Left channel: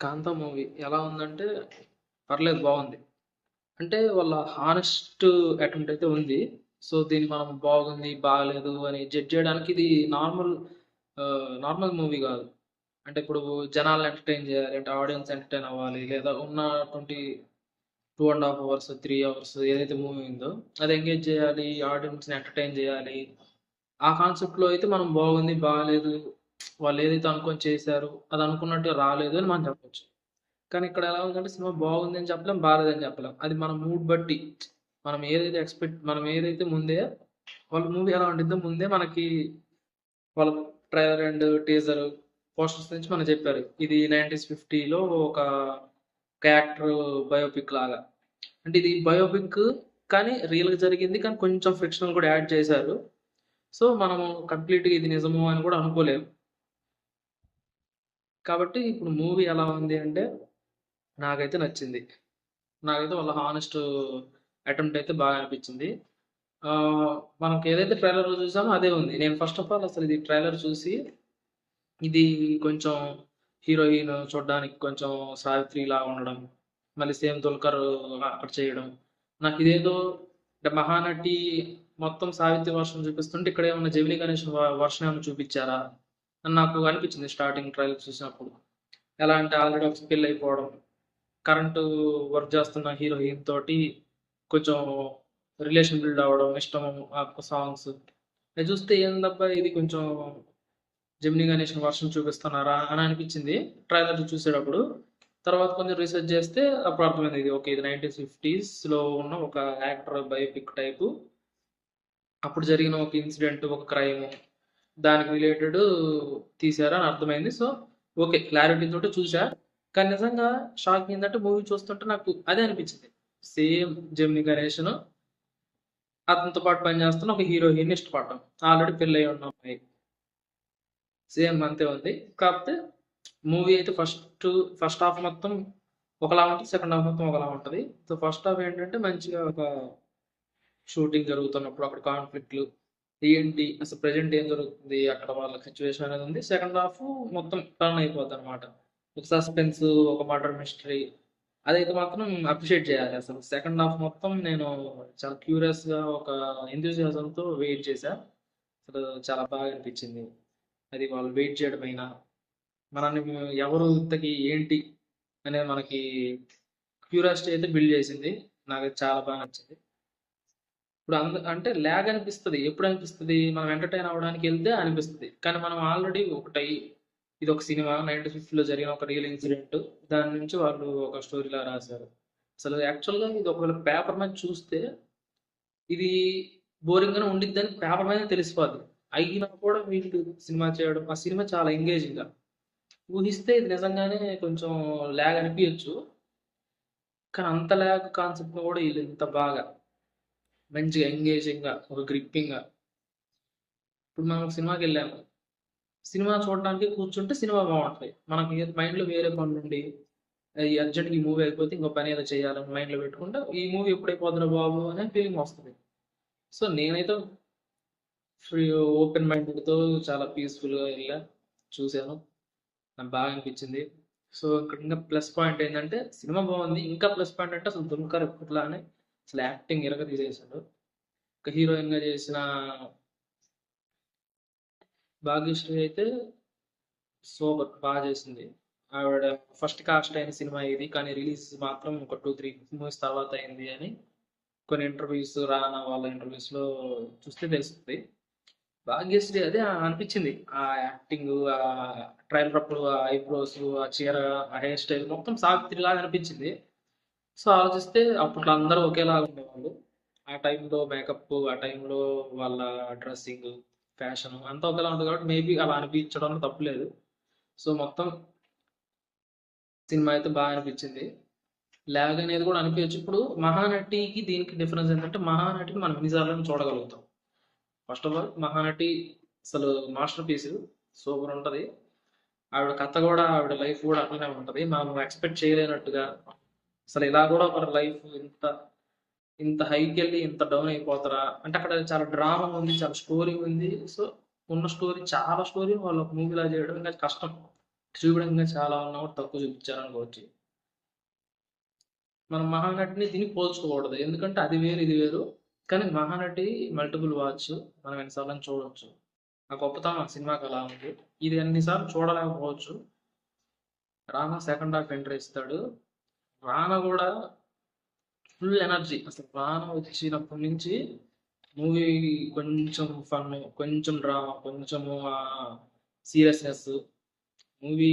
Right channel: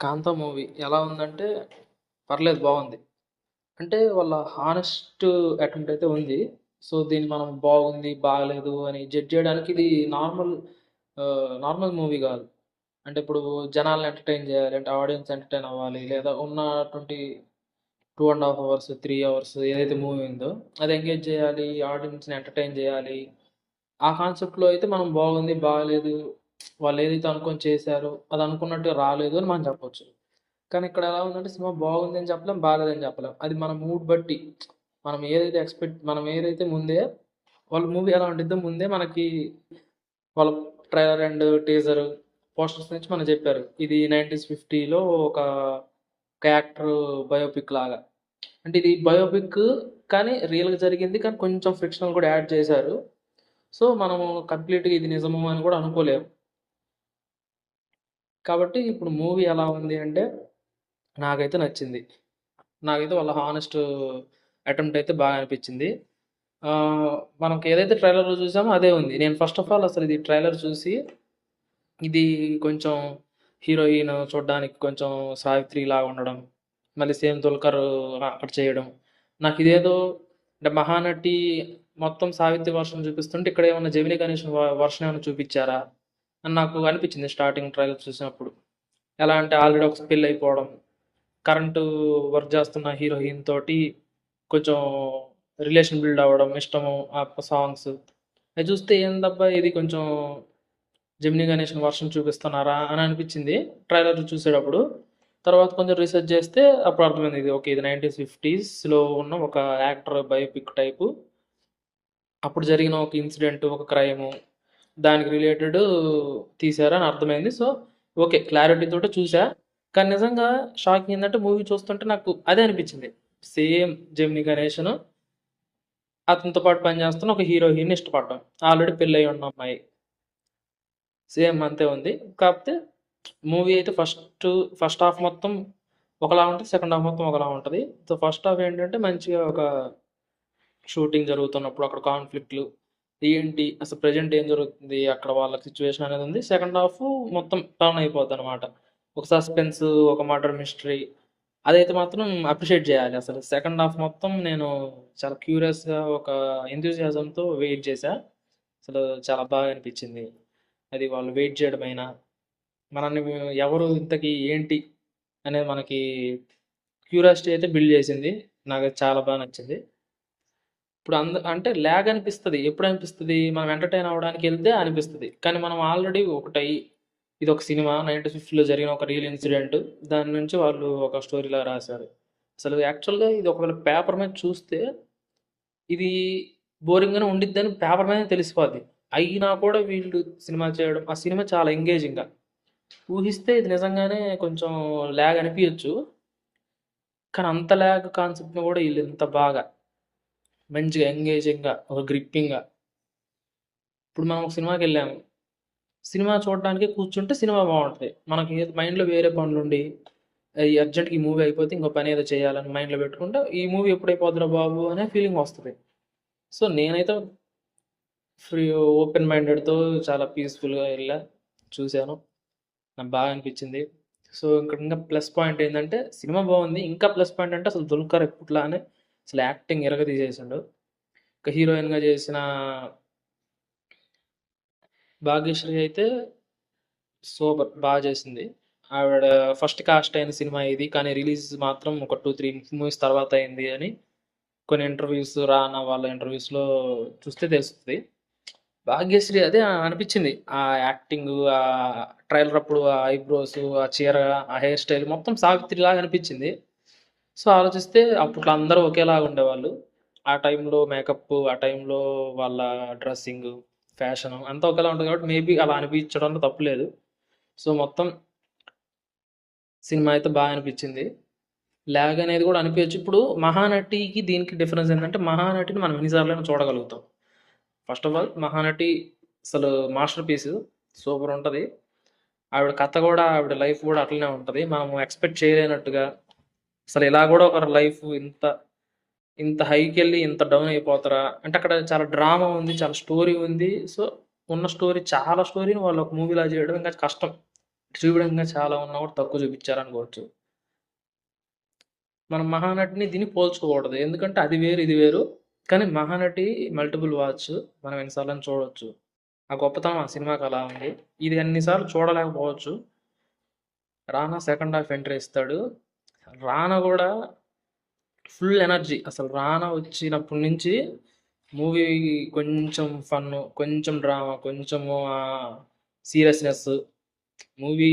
'కాంతా' movie ఎలా ఉందంటే, పర్లేదు బావుంది. అంటే వాళ్ళ హానెస్ట్ అటెంప్ట్ అయితే ఉంది. సో, దీన్ని మనం బాగుంది, బాలేదు అని జడ్జ్ చేయడానికి ఇది నార్మల్ నార్మల్ మూవీ గాదు. అంటే ఇప్పుడు జనాల్ని ఎంటర్‌టైన్ జేయాలి అంటే ఆడియన్స్ ఎంటర్‌టైన్ అవ్వాలి. లేదా ఉన్న 2 ½ అవర్స్, 3 అవర్స్ ఏదైతే మూవీ ఉందో అది ఎంగేజ్ జేయాలి. ఆడియన్స్‌ని ఎంటర్‌టైన్ జేయాలి. ఆ కాన్సెప్ట్‌లో అయితే మనం బాగుంది, బాలేదు, వాళ్ళేదైతే అనుకోని చేశారో అది అనుకున్నట్టుగా రాలేదు అని మనం చెప్పొచ్చు. కానీ ఇక్కడ ఎలా ఉందంటే సినిమా బాగుంది అని చెప్పలేం, బాలేదని చెప్పలేం. అది మన మూడ్ బట్టి మనం ఏదైతే ముందే వాళ్ళ మూవీ ఎలా ఉండిద్దో ముందే మనకి వాళ్ళ ట్రైలర్ అండ్ టీజర్, పోస్టర్స్ నుంచి మనకు చెప్పారు. ఇది 90స్ 50లో ఒక యాక్టర్ బయోపిక్ లాగా. అంటే ఇది బయోపిక్ కానీ రియల్‌గా జరిగింది. కానీ కొంచెం ఫ్రిక్షనల్ కూడా యాడ్ చేశారు. సో, మనము కంప్లీట్‌గా ఇది నిజము అని కూడా అనుకోలేం. కాబట్టి ఇప్పుడు మూవీ ఎలా ఉంది అంటే నాకైతే నచ్చింది. నాకైతే వాళ్ళ హానెస్ట్ అటెంప్ట్ అయితే బాగా అనిపించింది. మనకి ఏదైతే ట్రైలర్‌లో చూసామో అదే ఉంది. నేను ఫస్ట్ ఆఫ్ ఆల్ అసలు ఇది ట్రైలర్ చూసి ఇది కొంచెం హీరోయిన్ చూడ్డానికి కొంచెం సావిత్రిలాగా ఉండడం. మళ్ళీ సేమ్ 'దుల్కర్' అక్కడ చేయడం. నాకిదేదో అంటే 'మహానటి' మొత్తం సావిత్రి వర్షన్ చూపిస్తుంటే ఇక్కడేమన్నా 'జెమినీ గణేషన్' వర్షన్ ఏమన్నా చూపిచ్చారా? అని నాకు అనిపించింది స్టార్టింగ్ ట్రైలర్ చూసినప్పుడు. ఎలా అంటే ఆల్రెడీ ఒకసారి పెళ్లయిపోవడం. కరెంటు వర్క్ చేస్తున్న హీరోయిన్ తోటి కొంచెం రిలేషన్ బిల్డ్ అవ్వడం, ఇష్టము, ఆ సాంగ్స్. అయి చూస్తే ఏందబ్బా! ఇది కొంచెం 'జెమినీ గణేషన్' వర్షన్ చూపిస్తున్నారా అని అనిపించింది ట్రైలర్ చూసేటప్పుడు. తర్వాత కొంచెం రీసెర్చ్ చేస్తే అప్పుడు అర్థమైంది. ఇది ఓకే. ఇది 90స్, 50స్‌లో ఉన్న ఒక యాక్టర్ బయోపిక్ టైపు. అప్పుడు జరిగిన ఒక ఇన్సిడెంట్, ఒక క్రైము దానికి రిలేటెడ్ తీశారని అర్థమైంది. So, okay. క్లారిటీ తోటి చూసా. కానీ నిజంగా షాకింగ్ ఏందంటే మూవీ చూస్తుంటే నాకు అదే అనిపించింది. సేమ్ 'జెమినీ గణేషన్' అతనితో పాటు పనిచేస్తున్న ఒక హీరోయిన్‌ని ఇష్టపడ్డం. ఆల్రెడీ పెళ్లయ్యి ఉన్న అమ్మాయి. సేమ్ అంతే ఉంది. కాకపోతే మూవీ అయితే ఫస్ట్ హాఫ్ మొత్తం ఒకలా ఉంటది. సెకండ్ హాఫ్ మొత్తం ఒకలా ఉంటది. సో, ఫస్ట్ హాఫ్ ఏంటంటే మంచిగా ఒక షూటింగ్ జరుగుతున్నప్పుడు అక్కడ కాన్‌ఫ్లిక్ట్‌లు ఏంటి? అసలు ప్రెజెంట్ ఏం జరుగుతుంది? అక్కడ వాళ్ళ సిట్యుయేషన్ అనేది ఉంది. సెకండ్ హాఫ్ మొత్తం టర్న్ అయిపోద్దనమాట. ఒక సస్పెన్స్, ఒక మర్డర్ మిస్టరీ అదైతే మాత్రం అప్రిషియేట్ జేయాలి అసలు. సెకండ్ హాఫ్ మొత్తం నేను చాలా క్యూరియస్‌గా ఒక ఎంథూసియాజంతో వెయిట్ చేశా. అసలు చాలా బాగా అనిపించింది. అది వాళ్ళు వెయిట్ చేయడమైనా, మనల్ని ఎవరు ఇంతకి ఏంటి అనేది మనకి క్యూరియాసిటీ అయితే బిల్డ్ చేసింది. నాకది చాలా బా నచ్చింది. ఇప్పుడు అంటే ల్యాగ్ అనిపిస్తది. ఎప్పుడనిపిస్తది? మనం ఎంటర్‌టైన్ అవ్వడానికెళ్తే అనిపిస్తది. కానీ మనం ఆల్రెడీ ఇదొక సినిమా 1950లో జరిగిన ఒక రియల్ ఇన్సిడెంట్. దాని నుంచి వాళ్ళు ఒక స్టోరీలా రాశారు. అసలు యాక్చువల్‌గా ఇది ఒకవేళ పేపర్ మీద చూస్తే ఇది బోరింగ్‌గానే ఉండిద్దని పేపర్ మీదనే తెలిసిపోద్ది. అయినా కూడా వీళ్ళు సినిమా చేయడం, ఆ సినిమా చాలా ఎంగేజింగ్‌గా. ఊహిస్తే ఇది నిజంగానే కొంచెం ల్యాగ్ అనిపియొచ్చు. కానీ అంత ల్యాగ్ కాన్సెప్ట్‌ని కూడా ఈళ్ళింత బాగా మంచిగా ఎంగేజింగ్‌గా, ఒక గ్రిప్పింగ్‌గా ఇప్పుడు మనం ఒక సినిమాకెళ్ళాము. సినిమా చూడడానికి కూర్చుంటే సినిమా బావుంటది. మనకి మైండ్‌లో వేరే పనులుండి, ఈ అర్జెంట్‌గా ఈ మూవీ అయిపోతే ఇంకో పనేదో చేయాలని మైండ్‌లో పెట్టుకుంటే, ఈ మూవీ ఎప్పుడైపోద్దిరా బాబు అనే ఫీలింగొస్తది. సో, నేనైతే ఫ్రీ ఓపెన్ మైండెడ్‌తో చాలా పీస్‌ఫుల్‌గా ఎళ్ళా. చూసాను. నాకు బాగా అనిపిచ్చింది. సో, ఇక్కడ ఇంకా ప్లస్ పాయింట్ ఏందంటే, సినిమా బావుంది. ఇంకా ప్లస్ పాయింట్ అంటే అసలు 'దుల్కర్' ఎప్పట్లానే అసలు యాక్టింగ్ ఇరగదీసేసిండు. ఇక హీరోయిన్‌గా చేసిన 'భాగ్యశ్రీ' అయితే సూపర్! బా చేసింది. ఆవిడ ఫస్ట్ కాస్ట్ అయిన సినిమా ఇది. కానీ రిలీజ్ మాత్రం ఒక 2, 3 మూవీస్ తర్వాత అయింది అని కొన్ని ఇంటర్వ్యూస్, రానా వాళ్ళ ఇంటర్వ్యూస్‌లో చూస్తే తెలుస్తది. భాగ్యశ్రీ అదే అనిపిచ్చింది. ఆ యాక్టింగు, ట్రైలర్ అప్పుడు ఆ ఐబ్రోసు, ఆ చీర, ఆ హెయిర్ స్టైల్ మొత్తం సావిత్రిలాగా అనిపిచ్చింది. సో, ఆలోచిస్తే అప్పట్లో అందరూ ఒకేలాగా ఉండేవాళ్ళు. ఆ టైంలో మేకప్పు, ఆ టైంలో వాళ్ళ డ్రెస్సింగు, ఫ్యాషను అంతా ఒకేలా ఉంటది కాబట్టి మేబీ అలా అనిపించడంలో తప్పు లేదు. సో, మొత్తం సినిమా అయితే బా అనిపిచ్చింది. లాగ్ అనేది గూడా అనిపియచ్చు. ఇప్పుడు 'మహానటి'కి దీనికి డిఫరెన్స్ ఏంటంటే 'మహానటిని' మనం ఎన్ని సార్లైనా చూడగలుగుతాం. ఫస్ట్ ఆఫ్ ఆల్ 'మహానటి' అసలు మాస్టర్ పీసు. సూపరుంటది. ఆవిడ కథ గూడా, ఆవిడ లైఫ్ గూడా అట్లనే ఉంటది. మనం ఎక్స్‌పెక్ట్ చేయలేనట్టుగా అసలు ఇలా గూడా ఒకరి లైఫ్ ఇంత హైకెళ్ళి ఇంత డౌన్ అయిపోతారా? అంటే అక్కడ చాలా డ్రామా ఉంది. చాలా స్టోరీ ఉంది. సో, ఉన్న స్టోరీ చాలా స్టోరీని వాళ్ళు ఒక మూవీలా జేయడం ఇంకా కష్టం. చూపించడంగా చాలా ఉన్నా కూడా తక్కువ చూపించారనుకోవచ్చు. మనం 'మహానటిని' దీన్ని పోల్చుకోకూడదు. ఎందుకంటే అది వేరు, ఇది వేరు. కానీ 'మహానటి' మల్టిపుల్ వాచ్. మనం ఎన్ని సార్లైనా చూడొచ్చు. ఆ గొప్పతనం ఆ సినిమాకి అలా ఉంది. ఇది అన్ని సార్లు చూడలేకపోవచ్చు. 'రానా' సెకండ్ హాఫ్ ఎంట్రీ ఇస్తాడు. 'రానా' గూడా ఫుల్ ఎనర్జీ. అసలు 'రానా' వచ్చినప్పటి నుంచి మూవీ కొంచెం ఫన్ను, కొంచెం డ్రామా, కొంచెము సీరియస్‌నెస్. మూవీ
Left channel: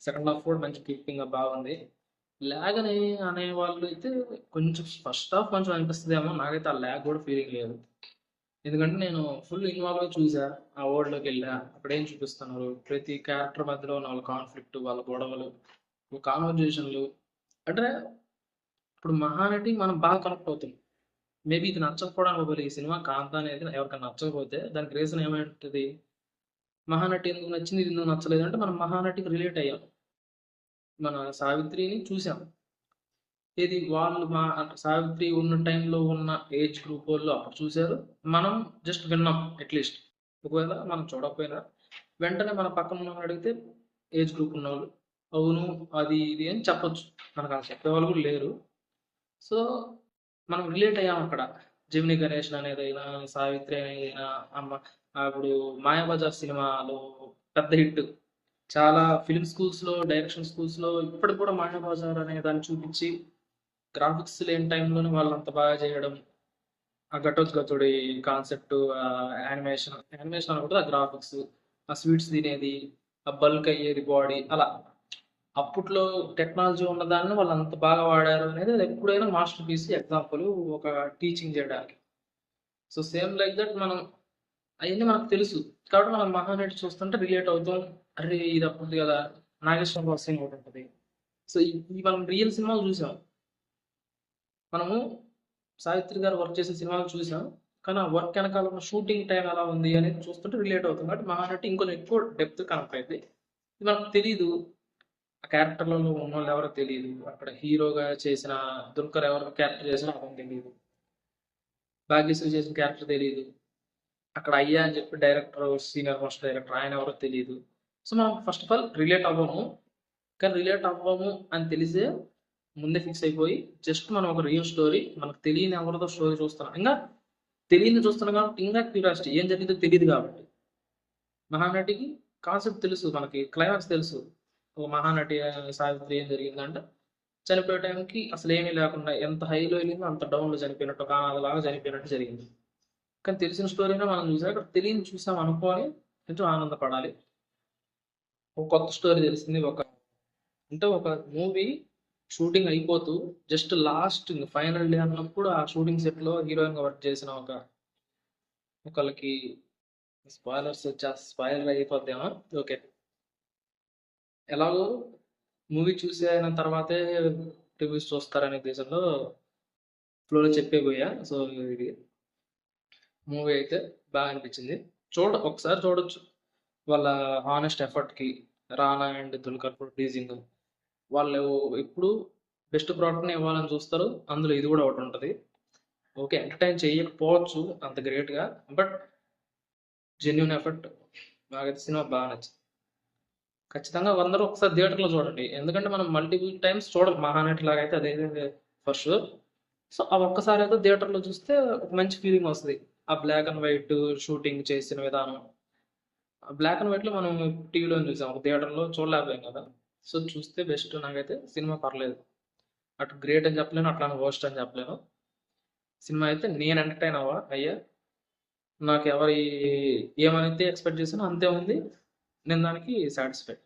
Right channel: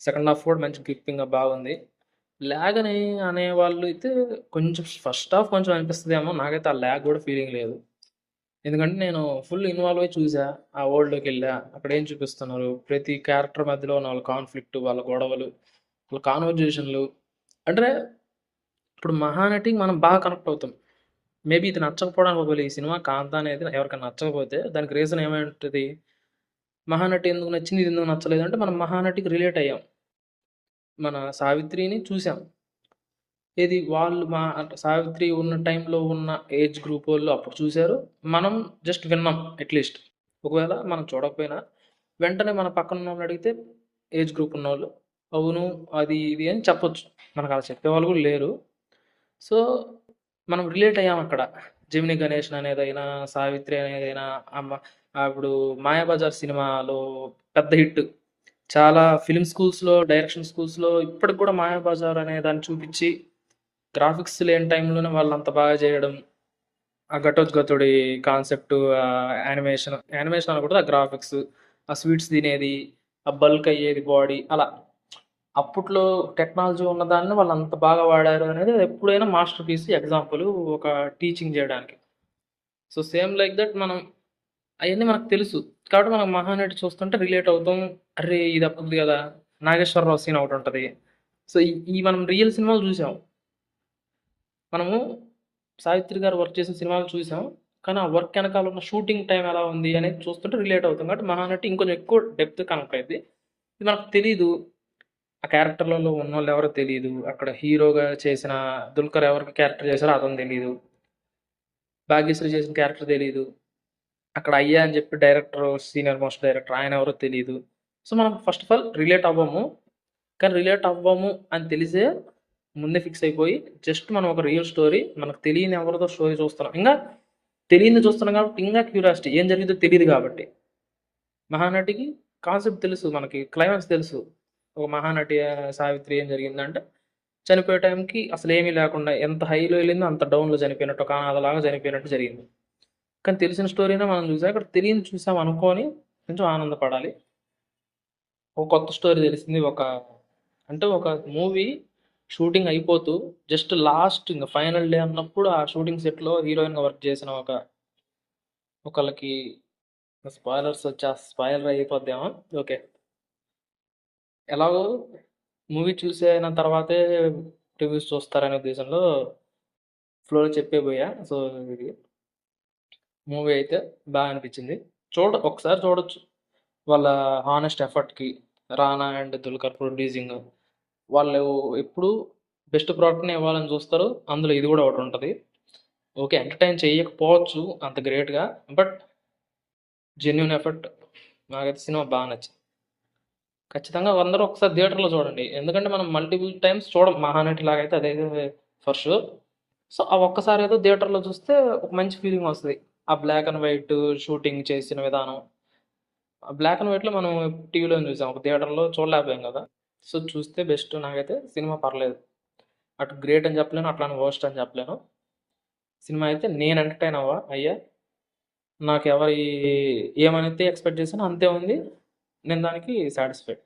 సెకండ్ హాఫ్ కూడా మంచి గ్రిప్పింగ్‌గా బాగుంది. ల్యాగ్ అని అనేవాళ్ళు అయితే కొంచెం ఫస్ట్ హాఫ్ కొంచెం అనిపిస్తదేమో. నాకైతే ఆ ల్యాగ్ గూడా ఫీలింగ్ లేదు. ఎందుకంటే నేను ఫుల్ ఇన్వాల్వ్ అయ్యి చూసా. ఆ వరల్డ్‌లోకెళ్ళా. అక్కడ ఏం చూపిస్తున్నారు, ప్రతి క్యారెక్టర్ మధ్యలో ఉన్న వాళ్ళ కాన్‌ఫ్లిక్ట్, వాళ్ళ గొడవలు, వాళ్ళ కాన్వర్జేషన్‌లు. అంటే ఇప్పుడు 'మహానటి' మనం బాగా కనెక్ట్ అవుతాం. మేబీ ఇది నచ్చకపోవడానికి ఒకవేళ ఈ సినిమా 'కాంతా' అనేది ఎవరికైనా నచ్చకపోతే దానికి రీజన్ ఏమై ఉంటది? 'మహానటి' ఎందుకు నచ్చింది, ఇది ఎందుకు నచ్చలేదంటే మనం 'మహానటి'కి రిలేట్ అయ్యాం. మన 'సావిత్రిని' చూసాం. ఏది వాళ్ళు అంటే 'సావిత్రి' ఉన్న టైంలో ఉన్న ఏజ్ గ్రూపోళ్ళు అప్పుడు చూసారు. మనం జస్ట్ విన్నాం అట్‌లీస్ట్. ఒకవేళ మనం చూడకపోయినా వెంటనే మన పక్కన ఉన్నోళ్ళని అడిగితే ఏజ్ గ్రూప్ ఉన్నోళ్ళు, అవును అది ఇది అని చెప్పొచ్చు. మనకలా చెప్పేవాళ్ళు కూడా లేరు. సో, మనం రిలేట్ అయ్యాం అక్కడ. 'జెమినీ గణేషన్' అనేదైనా, 'సావిత్రి' అనేదైనా, ఇప్పుడు 'మాయాబజార్' సినిమాలో పెద్ద హిట్. చాలా ఫిల్మ్ స్కూల్స్‌లో, డైరెక్షన్ స్కూల్స్‌లో ఇప్పటికి కూడా 'మాయాబజార్' అనే దాన్ని చూపిచ్చి, గ్రాఫిక్స్ లేని టైంలోనే వాళ్ళంత బాగా చేయడం. ఆ ఘటోత్కచుడి కాన్సెప్ట్, యానిమేషన్ అనకూడదు. ఆ గ్రాఫిక్స్, ఆ స్వీట్స్ తినేది, ఆ బల్క్ అయ్యేది బాడీ అలా. అప్పట్లో టెక్నాలజీ ఉన్నదాన్ని వాళ్ళు అంత బాగా వాడారు అనేది ఎప్పుడైనా మాస్టర్ పీస్ ఎగ్జాంపుల్ ఒక టీచింగ్ చేయడానికి. సో, సేమ్ లైక్ దట్ మనం అయన్నీ మనకు తెలుసు. కాబట్టి మనం 'మహానటి' చూస్తుంటే రిలేట్ అవుతాం. అర్రే! ఇది అప్పుడిది గదా! నాగేశ్వరరావు సీన్ ఒకటుంటది. సో, ఈ మనం రియల్ సినిమాలు చూసాం. మనము 'సావిత్రి' గారు వర్క్ చేసిన సినిమాలు చూసాం. కానీ ఆ వర్క్ ఎనకాల ఉన్న షూటింగ్ టైమ్ ఎలా ఉంది అనేది చూస్తుంటే రిలేట్ అవుతాం. కాబట్టి 'మహానటి' ఇంకొంచెం ఎక్కువ డెప్త్ కనెక్ట్ అయిద్ది. ఇది మనకు తెలీదు. ఆ క్యారెక్టర్‌లలో ఉన్నోళ్ళెవరో తెలీదు. అక్కడ హీరోగా చేసిన 'దుల్కర్' ఎవరికి క్యారెక్టర్ చేశారో అతను తెలీదు. 'భాగ్యశ్రీ' చేసిన క్యారెక్టర్ తెలీదు. అక్కడ 'అయ్యా' అని చెప్పి డైరెక్టర్, సీనియర్ మోస్ట్ డైరెక్టర్ ఆయనెవరో తెలీదు. సో, మనం ఫస్ట్ ఆఫ్ ఆల్ రిలేట్ అవ్వము. కానీ రిలేట్ అవ్వము అని తెలిసే ముందే ఫిక్స్ అయిపోయి జస్ట్ మనం ఒక రియల్ స్టోరీ మనకు తెలియని ఎవరిదో స్టోరీ చూస్తున్నాం. ఇంగా తెలియంది చూస్తున్నాం కాబట్టి ఇంగా క్యూరియాసిటీ ఏం జరిగిద్దో తెలీదు కాబట్టి. 'మహానటికి' కాన్సెప్ట్ తెలుసు మనకి. క్లైమాక్స్ తెలుసు. ఒక మహానటి 'సావిత్రి' ఏం జరిగిందంటే చనిపోయే టైంకి అసలేమీ లేకుండా ఎంత హైలో ఎళ్ళిందో అంత డౌన్‌లో చనిపోయినట్టు ఒక అనాథలాగా చనిపోయినట్టు జరిగింది. కానీ తెలిసిన స్టోరీనే మనం చూసాం. ఇక్కడ తెలియనిది చూసాం అనుకోని కొంచెం ఆనందపడాలి. ఒక కొత్త స్టోరీ తెలిసింది. అంటే ఒక మూవీ షూటింగ్ అయిపోతూ జస్ట్ లాస్ట్ ఇంగ ఫైనల్ డే అన్నప్పుడు ఆ షూటింగ్ సెట్‌లో హీరోయిన్‌గా వర్క్ చేసిన ఒకళ్ళకి స్పాయిలర్ అయిపోద్దేమో. ఓకే. ఎలాగో మూవీ చూసిన తర్వాతే రివ్యూస్ చూస్తారనే ఉద్దేశంలో ఫ్లోలో చెప్పేబోయా. సో, ఇది మూవీ అయితే అనిపిచ్చింది. ఒకసారి చూడొచ్చు. వాళ్ళ హానెస్ట్ ఎఫర్ట్‌కి 'రానా' అండ్ 'దుల్కర్' ప్రొడ్యూసింగ్. వాళ్ళు ఎప్పుడూ బెస్ట్ ప్రొడక్ట్‌నే ఇవ్వాలని చూస్తారు. అందులో ఇది గూడా ఒకటుంటది. ఓకే. ఎంటర్‌టైన్ చేయకపోవచ్చు అంత గ్రేట్‌గా. But genuine effort. నాకైతే సినిమా నచ్చింది. ఖచ్చితంగా అందరూ ఒకసారి థియేటర్‌లో చూడండి. ఎందుకంటే మనం మల్టిపుల్ టైమ్స్ చూడం 'మహానటి' లాగైతే అదైతే ఫర్ ష్యూర్. సో, ఆ ఒక్కసారేదో థియేటర్‌లో చూస్తే ఒక మంచి ఫీలింగొస్తది. ఆ బ్లాక్ అండ్ వైట్ షూటింగ్ చేసిన విధానం. ఆ బ్లాక్ అండ్ వైట్‌లో మనం టీవీలోనే చూసాం. ఒక థియేటర్‌లో చూడలేకపోయాం గదా! సో, చూస్తే బెస్ట్ నాకైతే సినిమా పర్లేదు. అటు గ్రేట్ అని చెప్పలేను. అట్లని వరస్ట్ అని చెప్పలేను. సినిమా అయితే నేను ఎంటర్‌టైన్ అయ్యా. నాకెవరి ఏమైతే ఎక్స్‌పెక్ట్ చేశానో అంతే ఉంది. నేను దానికి సాటిస్ఫైడ్.